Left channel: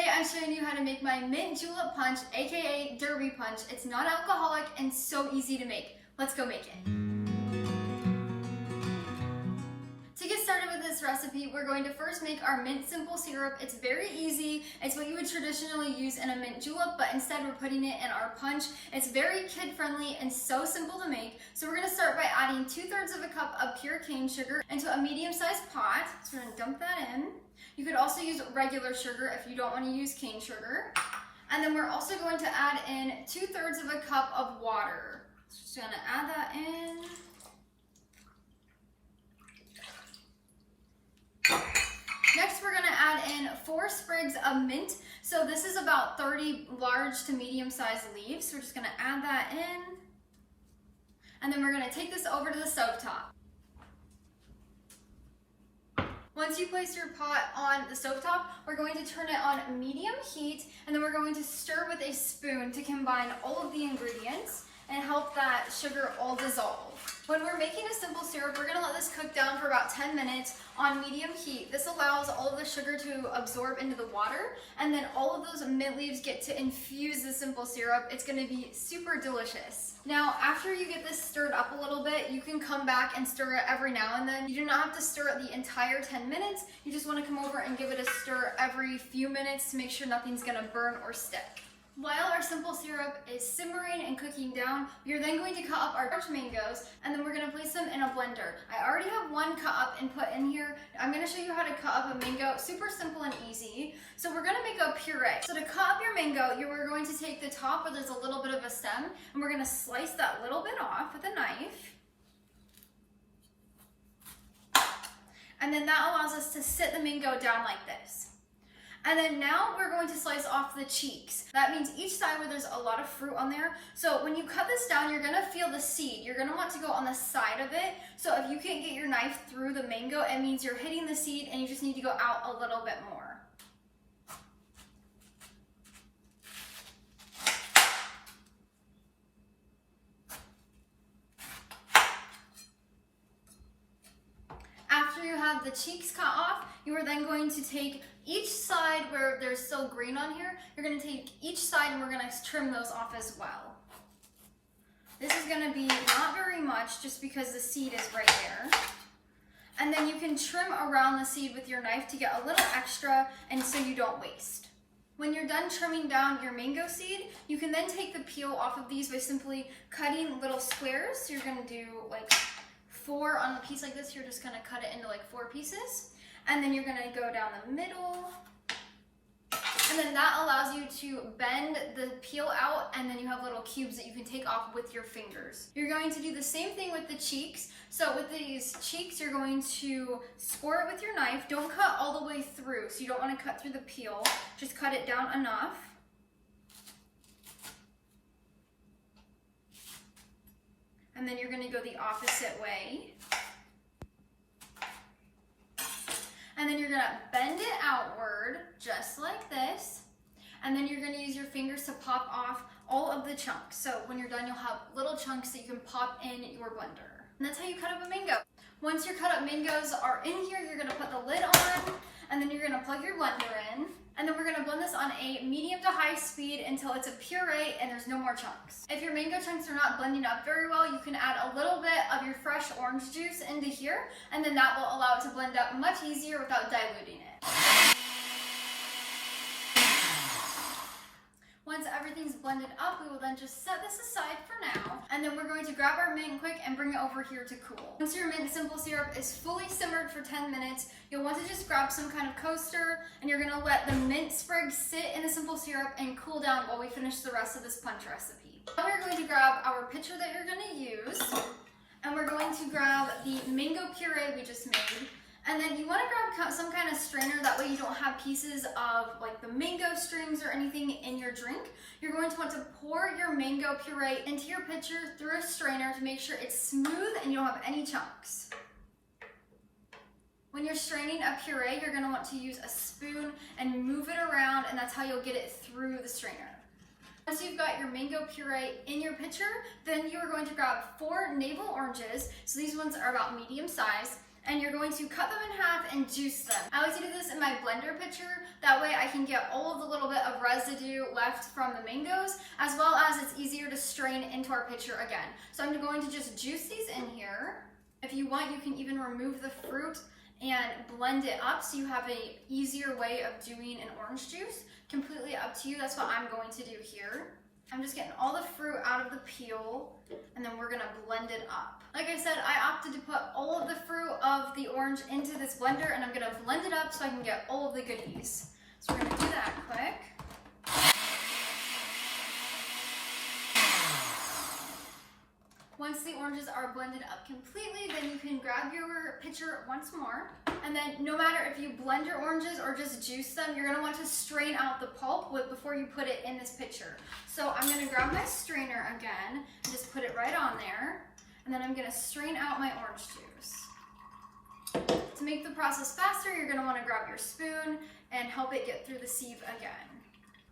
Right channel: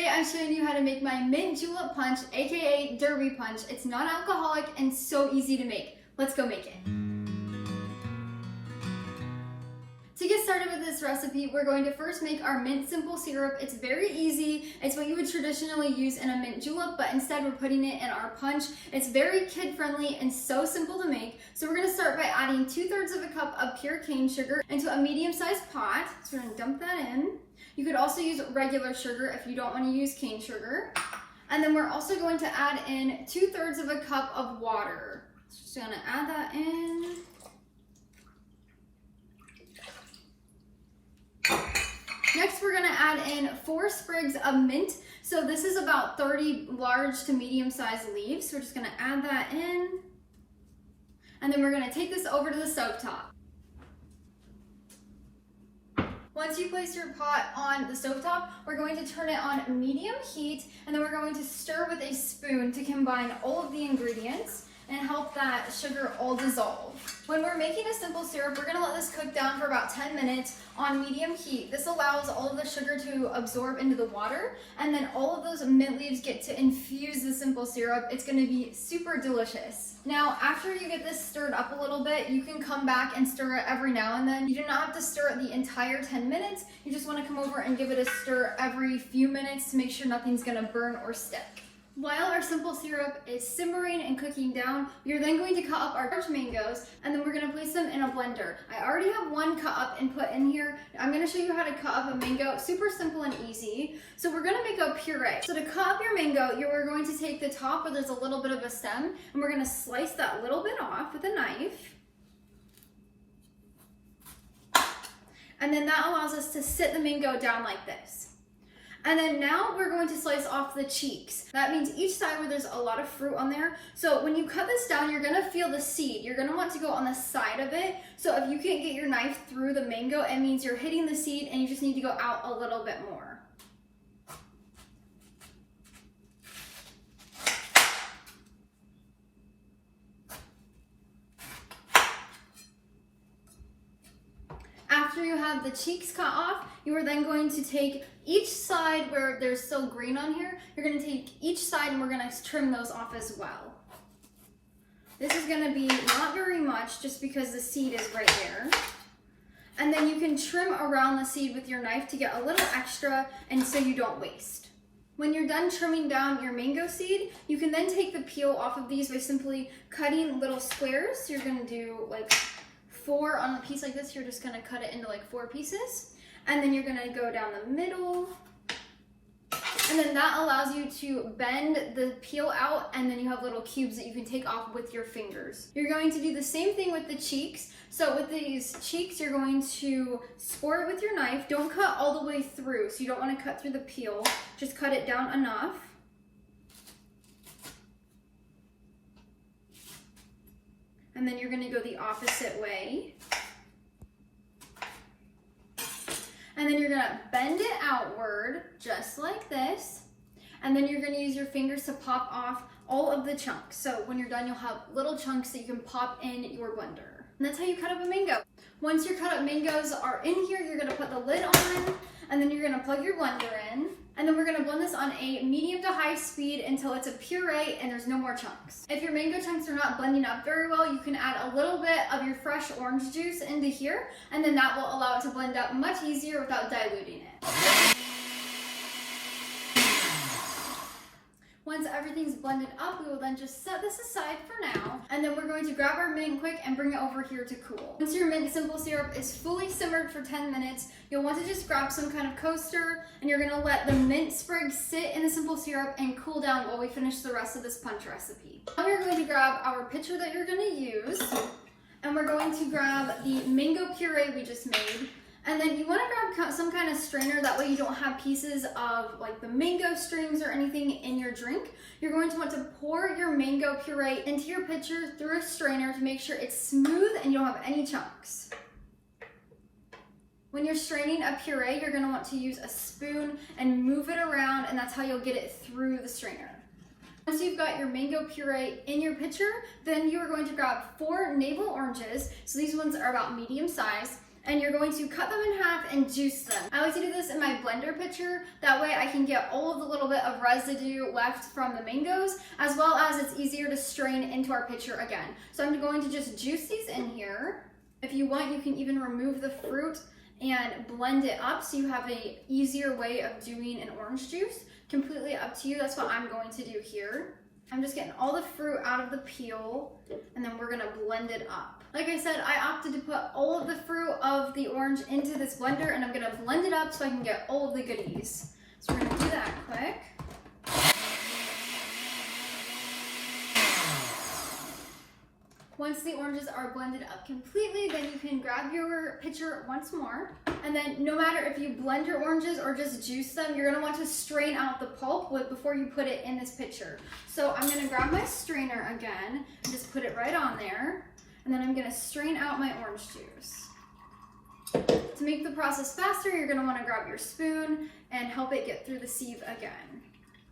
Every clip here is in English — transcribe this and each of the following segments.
Today I'm showing you how to make my mint julep punch, aka derby punch. It's non-alcoholic and so easy to make. Let's go make it. To get started with this recipe, we're going to first make our mint simple syrup. It's very easy. It's what you would traditionally use in a mint julep, but instead we're putting it in our punch. It's very kid-friendly and so simple to make. So we're gonna start by adding 2/3 of a cup of pure cane sugar into a medium-sized pot. So we're gonna dump that in. You could also use regular sugar if you don't want to use cane sugar. And then we're also going to add in 2/3 of a cup of water. Just gonna add that in. Next, we're gonna add in 4 sprigs of mint. So this is about 30 large to medium-sized leaves. So we're just gonna add that in. And then we're gonna take this over to the stovetop. Once you place your pot on the stovetop, we're going to turn it on medium heat, and then we're going to stir with a spoon to combine all of the ingredients and help that sugar all dissolve. When we're making a simple syrup, we're gonna let this cook down for about 10 minutes on medium heat. This allows all of the sugar to absorb into the water, and then all of those mint leaves get to infuse the simple syrup. It's gonna be super delicious. Now, after you get this stirred up a little bit, you can come back and stir it every now and then. You do not have to stir it the entire 10 minutes. You just wanna come over and give it a stir every few minutes to make sure nothing's gonna burn or stick. While our simple syrup is simmering and cooking down, we are then going to cut up our large mangoes, and then we're going to place them in a blender. I already have one cut up and put in here. I'm going to show you how to cut up a mango. Super simple and easy. So we're going to make a puree. So to cut up your mango, you're going to take the top where there's a little bit of a stem, and we're going to slice that little bit off with a knife. And then that allows us to sit the mango down like this. And then now we're going to slice off the cheeks. That means each side where there's a lot of fruit on there. So when you cut this down, you're gonna feel the seed. You're gonna want to go on the side of it. So if you can't get your knife through the mango, it means you're hitting the seed and you just need to go out a little bit more. After you have the cheeks cut off, you are then going to take each side where there's still green on here, you're going to take each side and we're going to trim those off as well. This is going to be not very much just because the seed is right there. And then you can trim around the seed with your knife to get a little extra and so you don't waste. When you're done trimming down your mango seed, you can then take the peel off of these by simply cutting little squares. So you're going to do like 4 on a piece like this. You're just going to cut it into like 4 pieces. And then you're going to go down the middle. And then that allows you to bend the peel out, and then you have little cubes that you can take off with your fingers. You're going to do the same thing with the cheeks. So with these cheeks, you're going to score it with your knife. Don't cut all the way through, so you don't want to cut through the peel. Just cut it down enough. And then you're going to go the opposite way. And then you're gonna bend it outward, just like this. And then you're gonna use your fingers to pop off all of the chunks. So when you're done, you'll have little chunks that you can pop in your blender. And that's how you cut up a mango. Once your cut up mangoes are in here, you're gonna put the lid on, and then you're gonna plug your blender in. And then we're gonna blend this on a medium to high speed until it's a puree and there's no more chunks. If your mango chunks are not blending up very well, you can add a little bit of your fresh orange juice into here, and then that will allow it to blend up much easier without diluting it. Once everything's blended up, we will then just set this aside for now, and then we're going to grab our mint quick and bring it over here to cool. Once your mint simple syrup is fully simmered for 10 minutes, you'll want to just grab some kind of coaster, and you're gonna let the mint sprig sit in the simple syrup and cool down while we finish the rest of this punch recipe. Now we're going to grab our pitcher that you're gonna use, and we're going to grab the mango puree we just made. And then you want to grab some kind of strainer, that way you don't have pieces of like the mango strings or anything in your drink. You're going to want to pour your mango puree into your pitcher through a strainer to make sure it's smooth and you don't have any chunks. When you're straining a puree, you're going to want to use a spoon and move it around, and that's how you'll get it through the strainer. Once you've got your mango puree in your pitcher, then you are going to grab 4 navel oranges. So these ones are about medium size. and you're going to cut them in half and juice them. I like to do this in my blender pitcher. That way I can get all of the little bit of residue left from the mangoes, as well as it's easier to strain into our pitcher again. So I'm going to just juice these in here. If you want, you can even remove the fruit and blend it up so you have an easier way of doing an orange juice. Completely up to you. That's what I'm going to do here. I'm just getting all the fruit out of the peel, and then we're gonna blend it up. Like I said, I opted to put all of the fruit of the orange into this blender, and I'm gonna blend it up so I can get all of the goodies. So we're gonna do that quick. Once the oranges are blended up completely, then you can grab your pitcher once more. And then no matter if you blend your oranges or just juice them, you're gonna want to strain out the pulp before you put it in this pitcher. So I'm gonna grab my strainer again and just put it right on there. And then I'm gonna strain out my orange juice. To make the process faster, you're gonna wanna grab your spoon and help it get through the sieve again.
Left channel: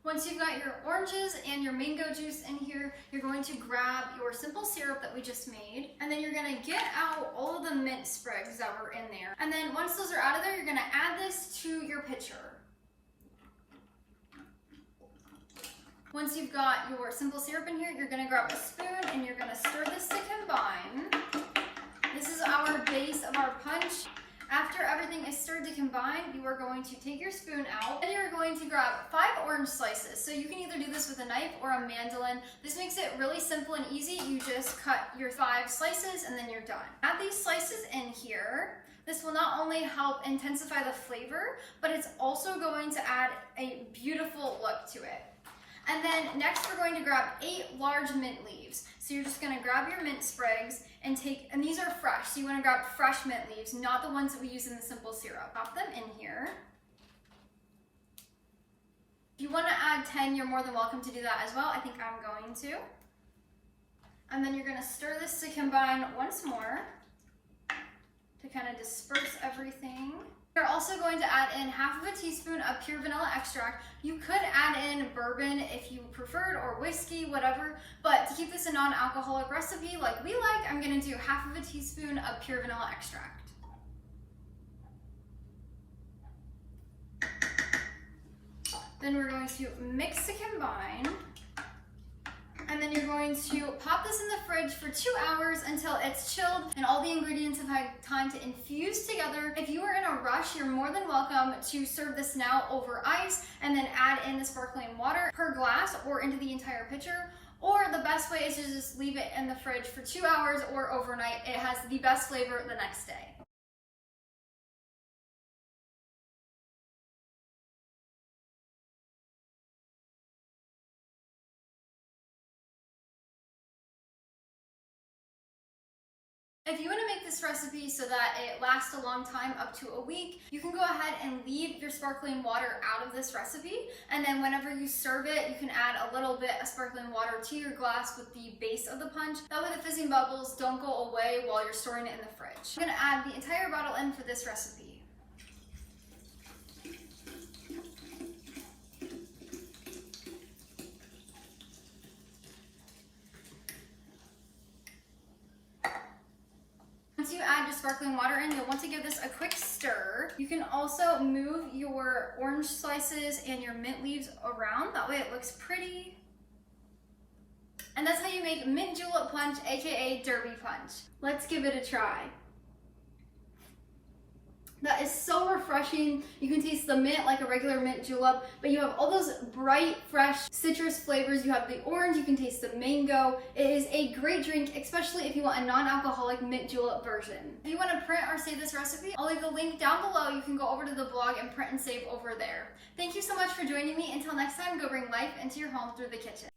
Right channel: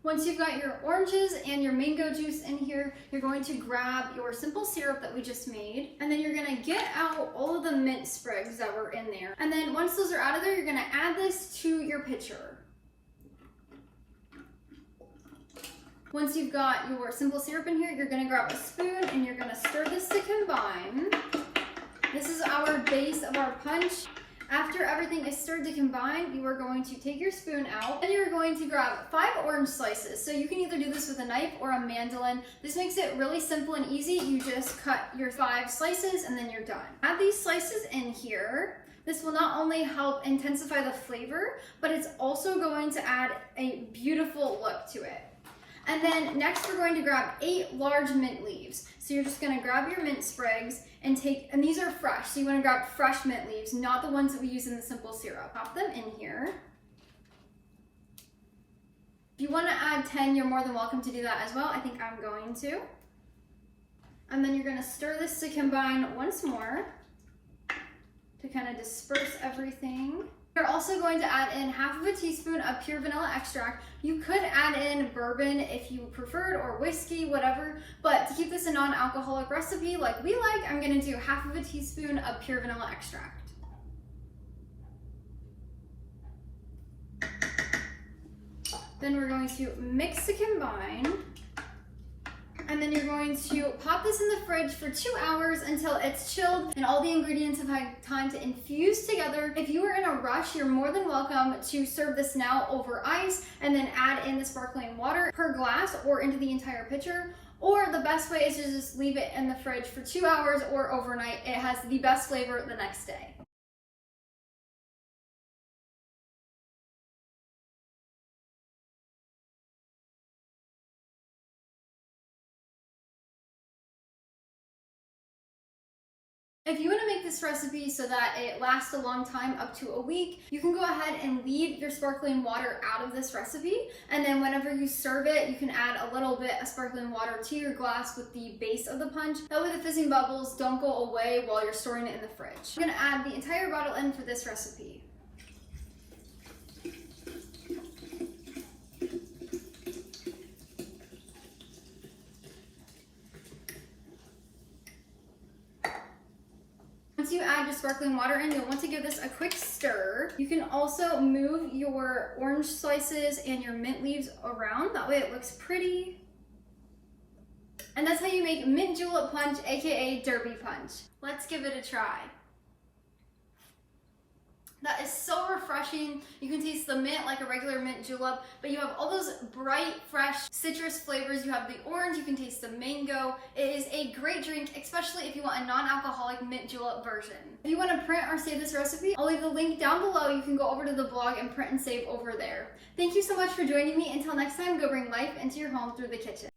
Once you've got your oranges and your mango juice in here, you're going to grab your simple syrup that we just made, and then you're gonna get out all of the mint sprigs that were in there. And then once those are out of there, you're gonna add this to your pitcher. Once you've got your simple syrup in here, you're gonna grab a spoon and you're gonna stir this to combine. This is our base of our punch. After everything is stirred to combine, you are going to take your spoon out and you're going to grab 5 orange slices. So you can either do this with a knife or a mandolin. This makes it really simple and easy. You just cut your 5 slices and then you're done. Add these slices in here. This will not only help intensify the flavor, but it's also going to add a beautiful look to it. And then next we're going to grab 8 large mint leaves. So you're just gonna grab your mint sprigs and these are fresh, so you wanna grab fresh mint leaves, not the ones that we use in the simple syrup. Pop them in here. If you wanna add 10, you're more than welcome to do that as well. I think I'm going to. And then you're gonna stir this to combine once more to kind of disperse everything. You're also going to add in half of a teaspoon of pure vanilla extract. You could add in bourbon if you preferred, or whiskey, whatever, but to keep this a non-alcoholic recipe like we like, I'm gonna do half of a teaspoon of pure vanilla extract. Then we're going to mix to combine. And then you're going to pop this in the fridge for 2 hours until it's chilled and all the ingredients have had time to infuse together. If you are in a rush, you're more than welcome to serve this now over ice and then add in the sparkling water per glass or into the entire pitcher. Or the best way is to just leave it in the fridge for 2 hours or overnight. It has the best flavor the next day. If you want to make this recipe so that it lasts a long time, up to a week, you can go ahead and leave your sparkling water out of this recipe. And then whenever you serve it, you can add a little bit of sparkling water to your glass with the base of the punch. That way the fizzing bubbles don't go away while you're storing it in the fridge. I'm going to add the entire bottle in for this recipe. Once you add your sparkling water in, you'll want to give this a quick stir. You can also move your orange slices and your mint leaves around. That way it looks pretty. And that's how you make mint julep punch, aka derby punch. Let's give it a try. That is so refreshing. You can taste the mint like a regular mint julep, but you have all those bright, fresh citrus flavors. You have the orange, you can taste the mango. It is a great drink, especially if you want a non-alcoholic mint julep version. If you want to print or save this recipe, I'll leave the link down below. You can go over to the blog and print and save over there. Thank you so much for joining me. Until next time, go bring life into your home through the kitchen.